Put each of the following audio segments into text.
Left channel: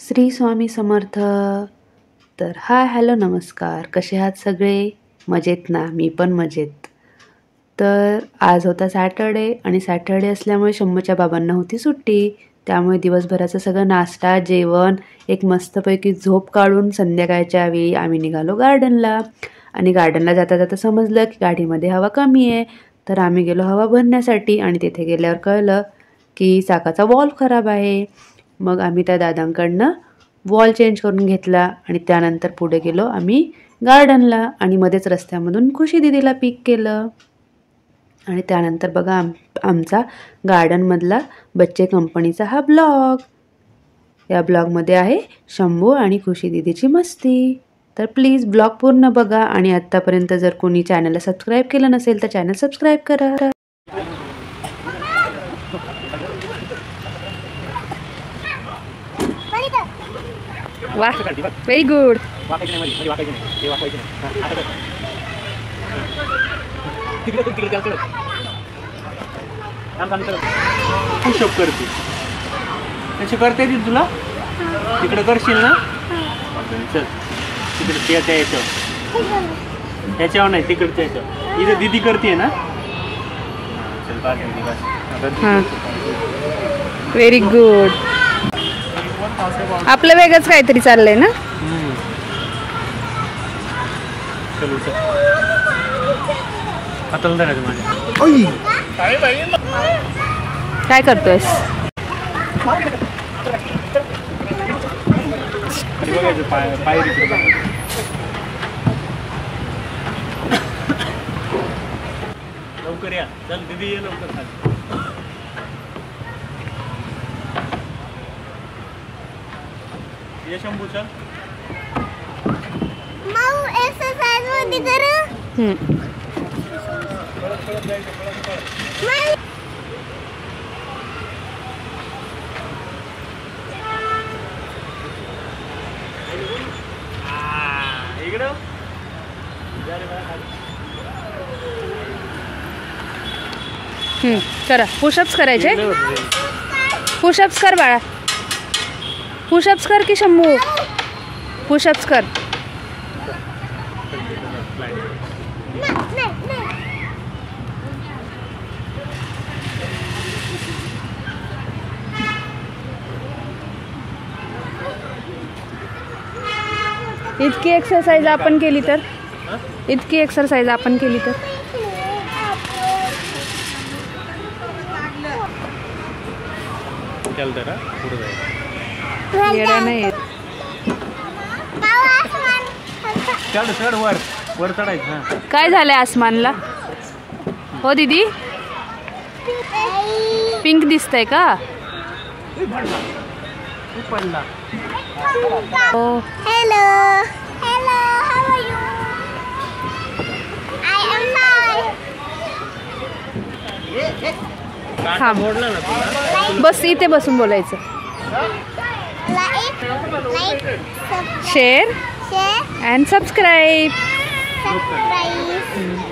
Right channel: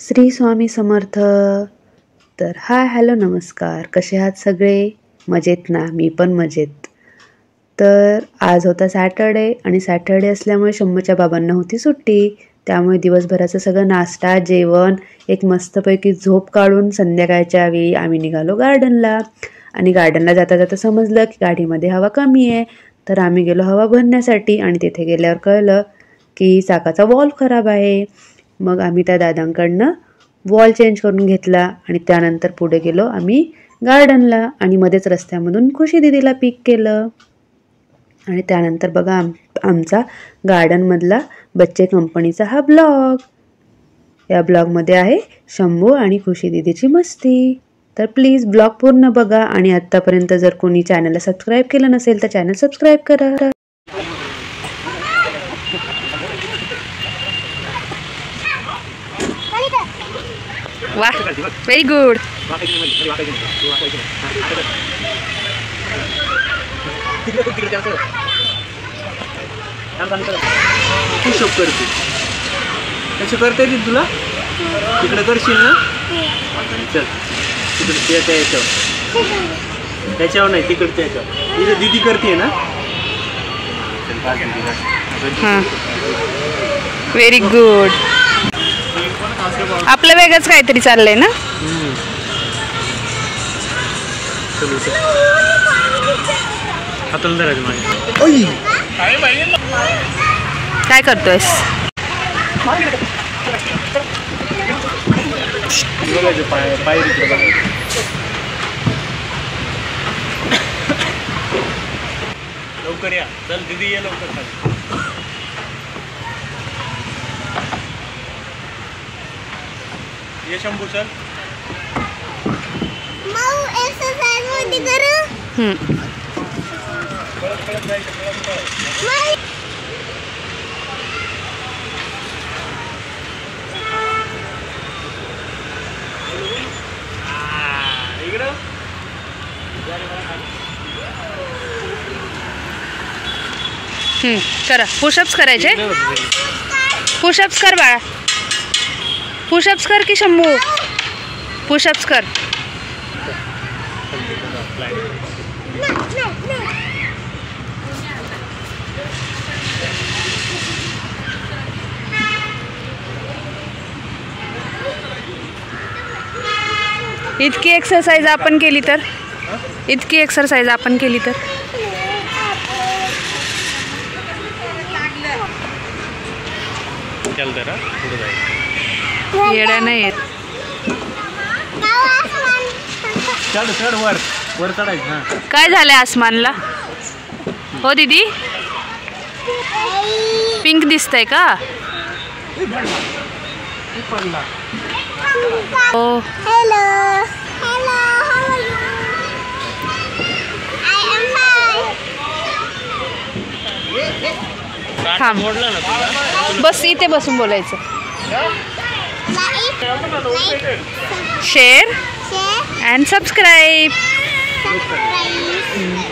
श्री स्वामी समर्थ। तर hi hello नमस्कार, कसे आहात सगळे? मजेत ना? मी पण मजेत। तर आज होता सॅटर्डे आणि सॅटर्डे असल्यामुळे शंभूच्या बाबांना होती सुट्टी, त्यामुळे दिवसभराचं सगळं नाश्ता जेवण एक मस्तपैकी झोप काढून संध्याकाळच्या वेळी आम्ही निघालो गार्डनला। आणि गार्डनला जाता जाता समजलं की गाडीमध्ये हवा कमी आहे, तर आम्ही गेलो हवा भरण्यासाठी आणि तिथे गेल्यावर कळलं की चाकाचा वॉल्व खराब आहे। मग आम्ही त्या दादांकडनं वॉल चेंज करून घेतला आणि त्यानंतर पुढे गेलो आम्ही गार्डनला आणि मध्येच रस्त्यामधून खुशी दीदीला पिक केलं। आणि त्यानंतर बघा आमचा गार्डनमधला बच्चे कंपनीचा हा ब्लॉग। या ब्लॉगमध्ये आहे शंभू आणि खुशी दीदीची मस्ती। तर प्लीज ब्लॉग पूर्ण बघा आणि आत्तापर्यंत जर कोणी चॅनलला सबस्क्राईब केलं नसेल तर चॅनल सबस्क्राईब करा। वाह, व्हेरी गुड। पुशअप करते कसं करता येतील तुला? तिकडे करशील ना? चल तिकडे त्याच्यावर नाही, तिकडच्या याच्यावर। इथे दीदी करते ना? हां, व्हेरी गुड। आपलं वेगळंच काहीतरी चाललंय ना? काय करतोयस? लवकर या, चल दीदी ये लवकर खाली। ये शंभू चल। माऊ एक्सरसाइज मध्ये कर। इकडं करा, पुशअप्स करायचे। पुशअप्स कर बाळा, पुशअप्स कर की शंभू, पुशअप्स कर। इतकी एक्सरसाइज आपण केली तर चल जरा पुढे जायचं। येडा नाही येत। चढ चढ वर वर चढायचं। काय झालंय आसमानला? हो दीदी, पिंक दिसतंय का? हो। Hello hello, how are you? I am fine. थांब, बस इथे बसून बोलायचं। Share and subscribe.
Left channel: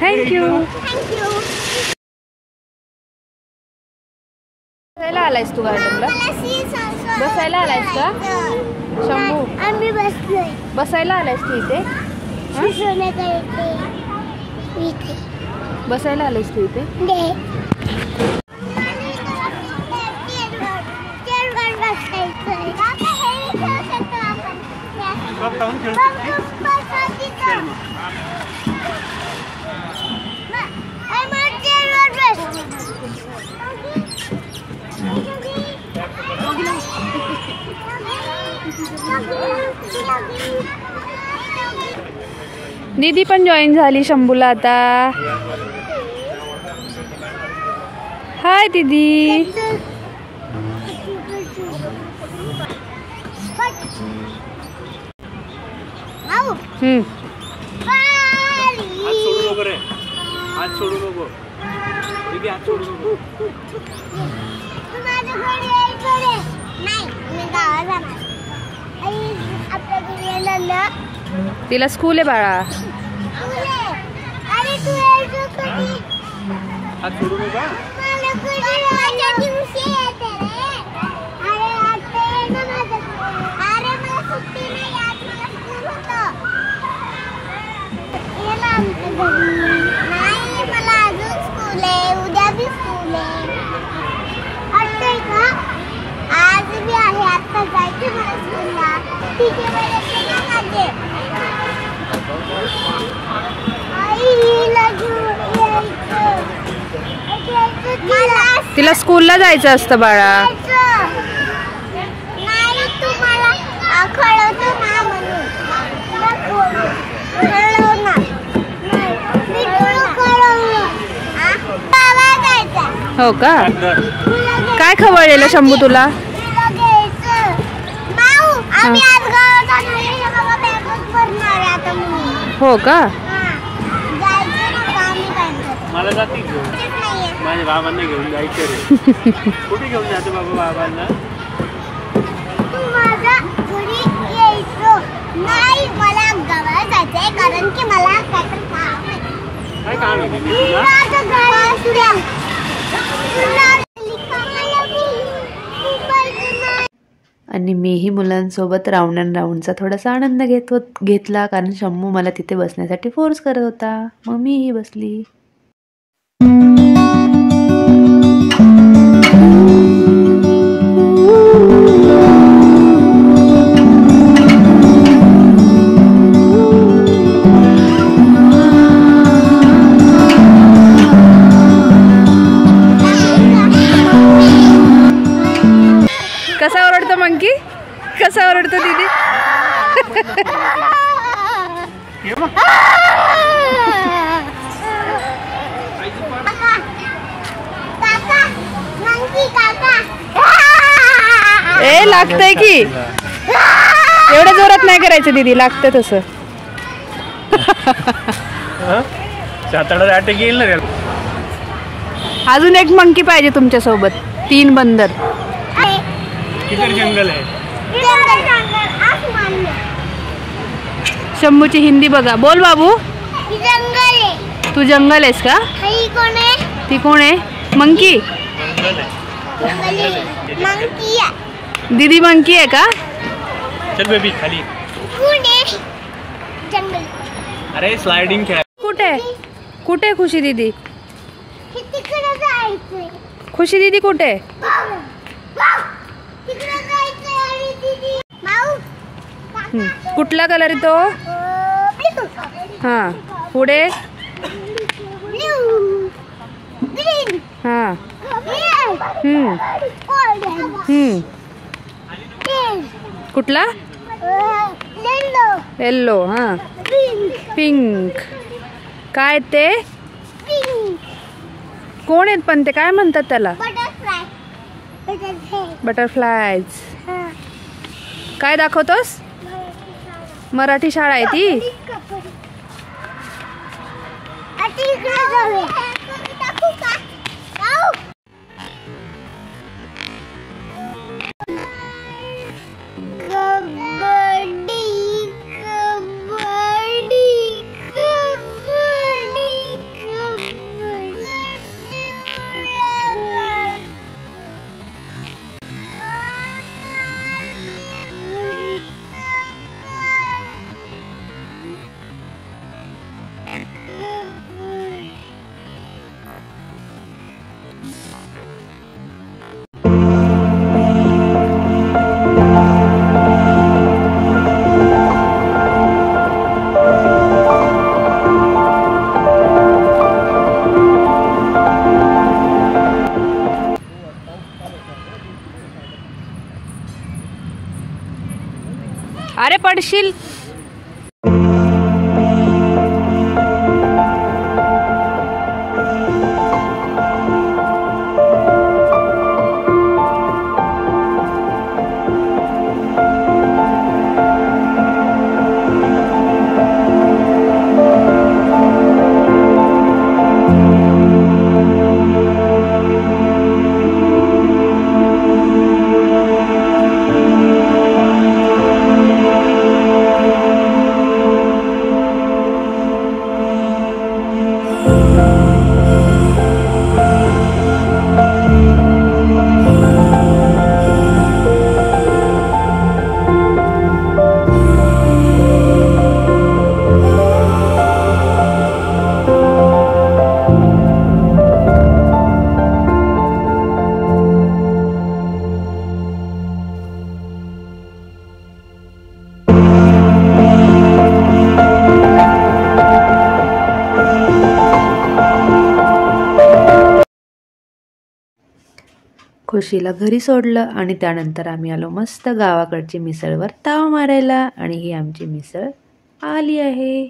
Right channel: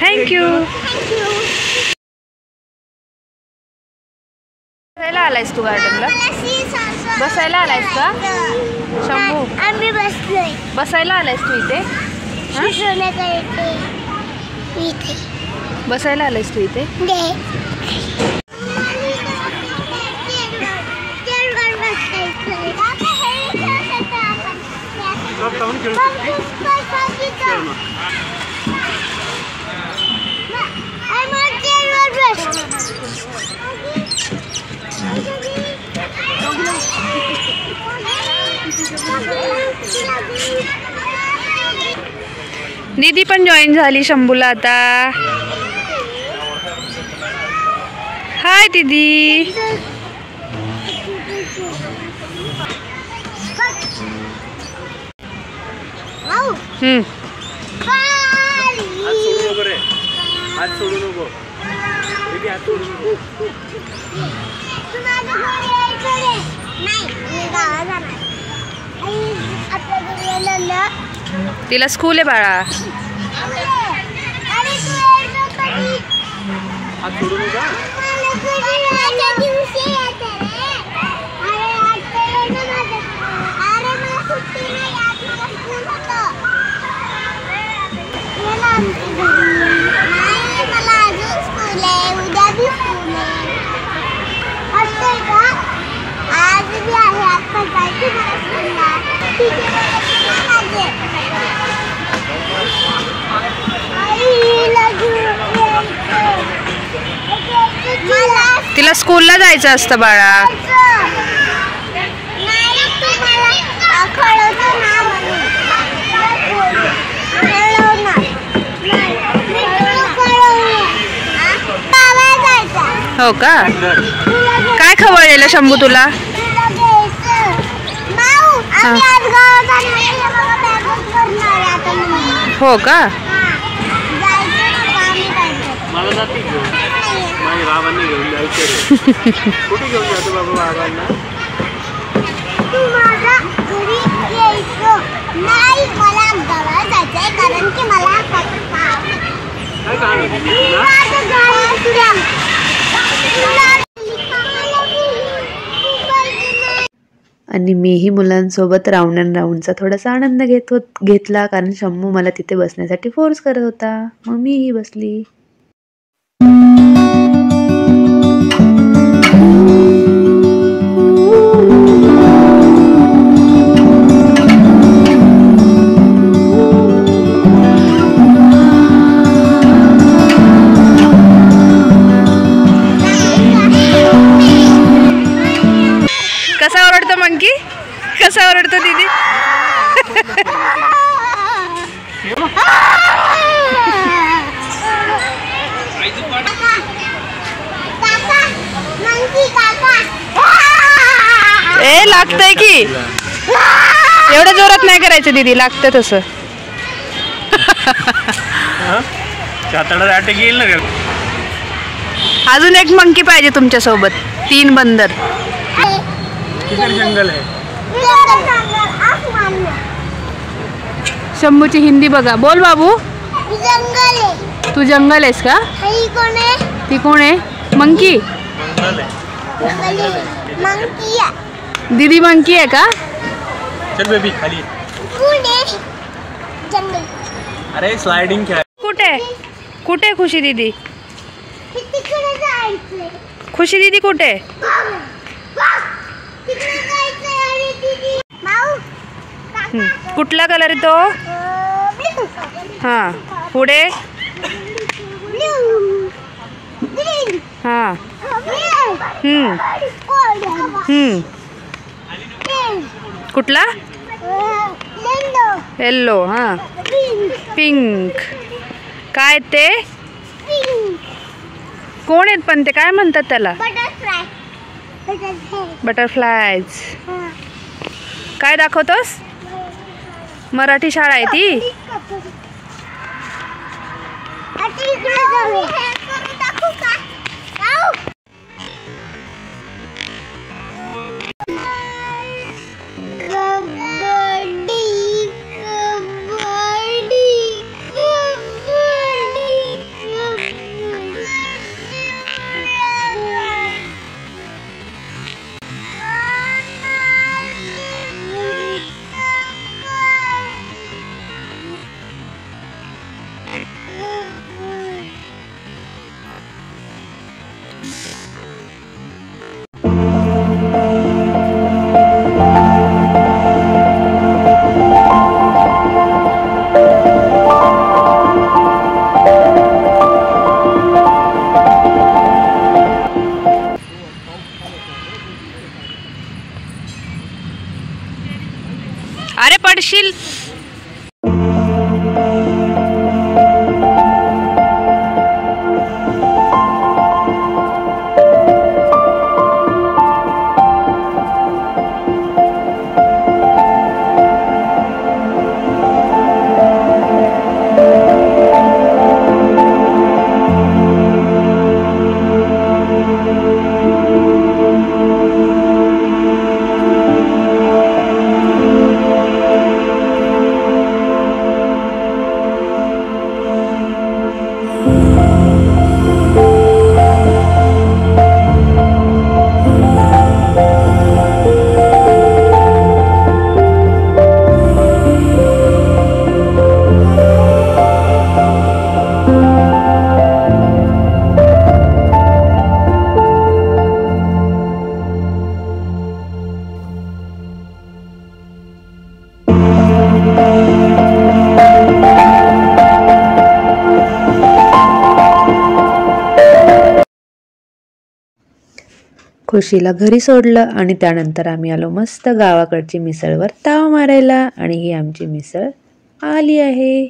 थँक्यू। बसायला आलायस तू गार्डनला? बसायला आलायस का शंभू? आम्ही बसलोय। बसायला आलायस तू इथे? बसायला आलायस तू इथे? दीदी पण जॉईन झाली शंभूला आता। हाय दीदी। हात सोडू नको दीदी, हात सोडू नको। तिला स्कूल आहे बाळा। हात सोडू नका। तिला स्कूलला जायचं असतं बाळा. हो का? काय खवळलेलं शंभू तुला? हो का? मला जाते घेऊन, माझ्या बाबांना घेऊन जायचं रे. कुठे घेऊन जातो बाबा बाबांना? नाही, मला गावाला जायचंय कारण की मला काय काम आहे आणि मीही मुलांसोबत राऊंड अँड राऊंडचा थोडासा आनंद घेतला कारण शंभू मला तिथे बसण्यासाठी फोर्स करत होता. मग मीही बसली. कसा ओरडतो मंकी? कसा ओरडतो दीदी? ए लागतंय की, एवढ्या जोरात नाही करायचं दीदी, लागतं तसं. येईल ना. अजून एक मंकी पाहिजे तुमच्या सोबत. 3 बंदर. किती जंगल आहे? शंभूची हिंदी बघा. बोल बाबू. जंगल आहे. तू जंगल आहेस का? ही कोण आहे? ती कोण आहे? मंकी. जंगल आहे. मंकी आहे. दीदी मंकी आहे का? चल बेबी खाली. कोण आहे? जंगल. अरे स्लाइडिंग खेळ. कुठे कुठे खुशी दीदी? तिकडे जायचंय. खुशी दीदी कुठे? तिकडे जायचंय आणि दीदी. माऊ. कुठला कलर आहे तो? हा. पुढे? ब्लू. ग्रीन. हा. हम्म. कुठला? येलो. येल्लो. हा. पिंक. काय ते? पिंक. कोण आहेत पण ते? काय म्हणतात त्याला? बटरफ्लाय. बटरफ्लायज. काय दाखवतोस? मराठी शाळा आहे ती? अरे पडशील. खुशीला घरी सोडलं आणि त्यानंतर आम्ही आलो मस्त गावाकडची मिसळवर ताव मारायला आणि ही आमची मिसळ आली आहे.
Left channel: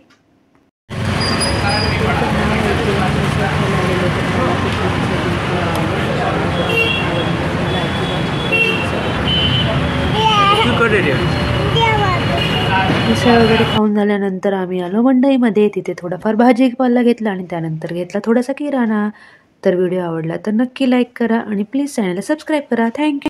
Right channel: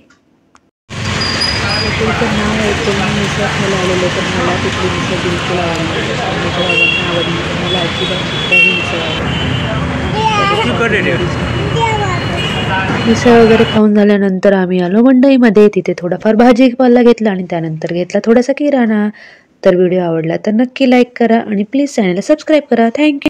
तुमचं नाव ऐकून मी मिसळ खायला आलेलं तर मला तिथली मिसळ बिलकुल आवडली. मला अजिबात कुठल्याही मिसळ वगैरे खाऊन झाल्यानंतर आम्ही आलो मंडईमध्ये. तिथे थोडाफार भाजीपाला घेतला आणि त्यानंतर घेतला थोडासा किराणा. तर व्हिडिओ आवडला तर नक्की लाईक करा आणि प्लीज चॅनलला सबस्क्राईब करा. थँक्यू.